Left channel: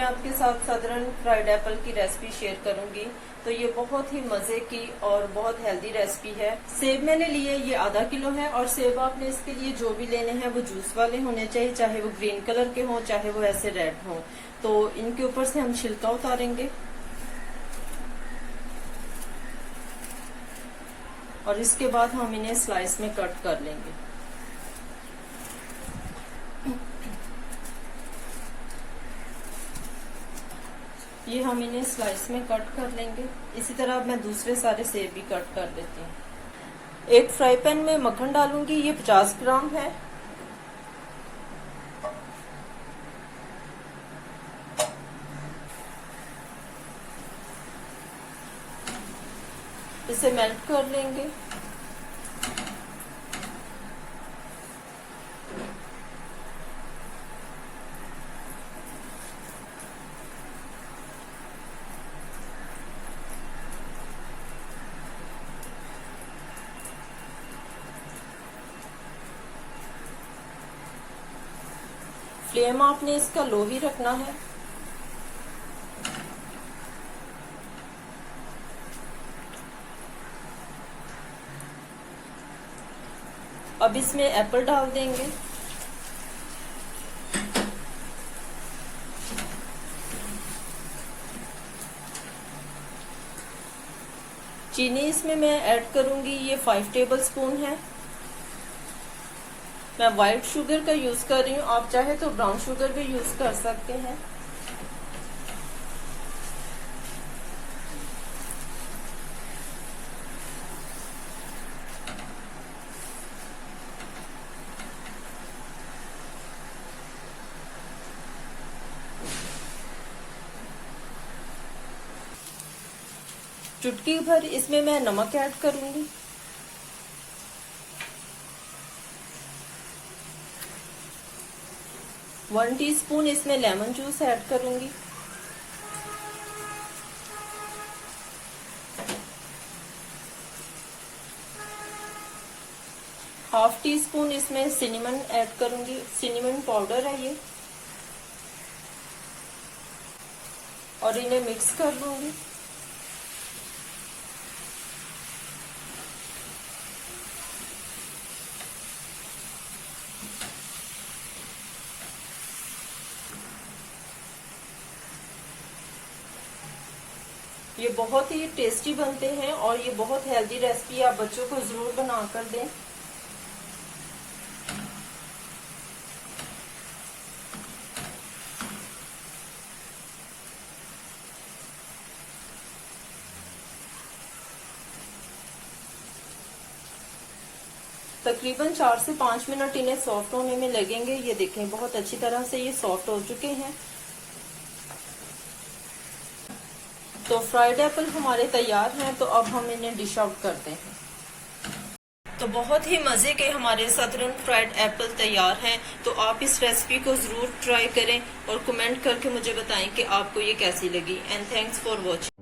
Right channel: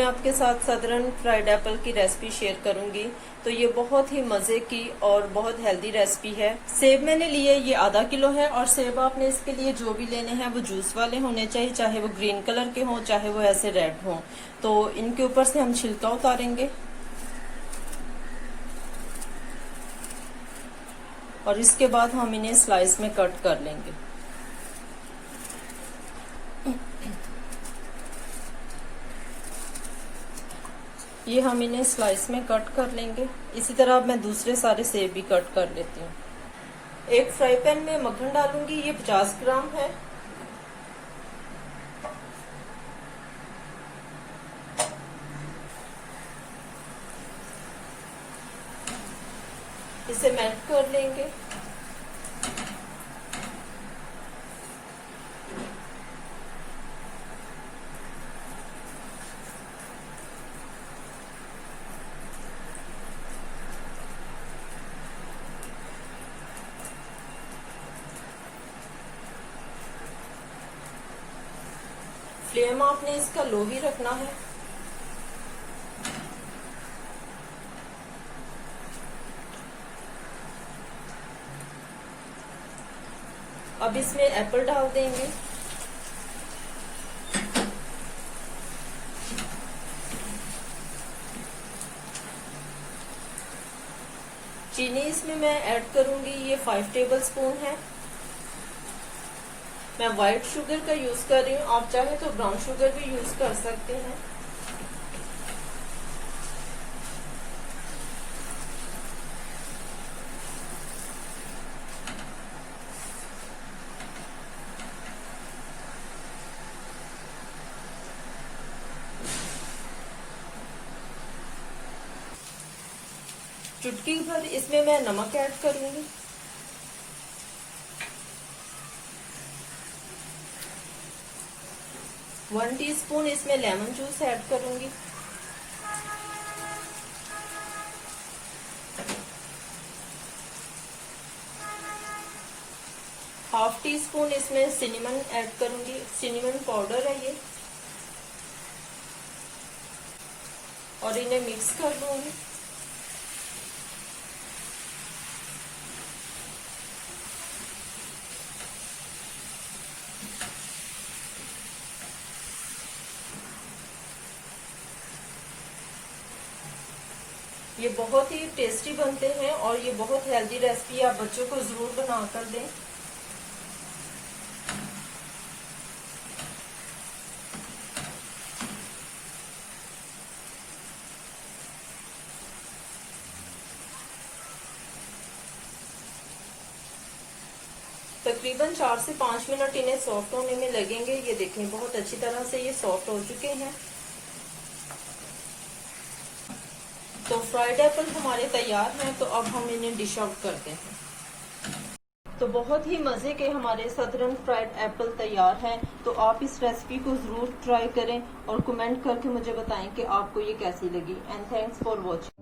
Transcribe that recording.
मैं आपके साथ सदरन फ्राइड एप्पल की रेसिपी शेयर करूंगी। तो ये बहुत ही मजे की और बहुत हेल्दी रेसिपी है। सेब मैंने लिए ये आधा किलो है और सेब आपने इसके लिए जो भी लेने हैं वो जूस वाले होने चाहिए, चाहे वो ग्रीन कलर के हों चाहे वो ऐसे रेड हों। तो इनके ऊपर से हम छिलका उतारेंगे और इसके बाद हम इन्हें स्लाइस में कट कर लेंगे। ये हम इन्हें स्लाइस में कट कर लेंगे। इसी तरह अब मैं दूसरे सारे सेब भी कट कर लेती हूँ। एक फ्राई पैन में मक्खन डालूंगी, ये 50 ग्राम है। इसे मेल्ट कर लेंगे। फ्लेम आपने इसका लो ही रखना है। अब इसमें एप्पल डाल देंगे। चीनी इसमें मैं ऐड करूंगी, ये 5 टेबल स्पून है। मैं व्हाइट शुगर का यूज कर रही हूँ, आप चाहे तो ब्राउन शुगर भी यूज कर सकते हैं। चुटकी भर इसमें मैं नमक ऐड करूंगी। वन टीस्पून इसमें लेमन जूस ऐड करूंगी। हाफ टी स्पून इसमें सिनेमन ऐड करूंगी। सिनेमन पाउडर है ये, और इन्हें मिक्स कर लूंगी। ये बहुत ही टेस्टी बनते हैं और ये बहुत हेल्दी रेसिपी है, आप बच्चों को जरूर बना कर दें। तकरीबन 4 से 5 मिनट इन्हें सॉफ्ट होने में लगेंगे। ये देखें बहुत अच्छी तरह से ये सॉफ्ट हो चुके हैं। तो फ्राइड एप्पल हमारे तैयार हैं। तो अब हम इन्हें डिश आउट करते हैं। तो बहुत ही मजे के हमारे सदरन फ्राइड एप्पल तैयार हैं। तो आप इस रेसिपी को जरूर ट्राई करें और कमेंट करके मुझे बताएं कि आपको ये कैसी लगी। And thanks for watching.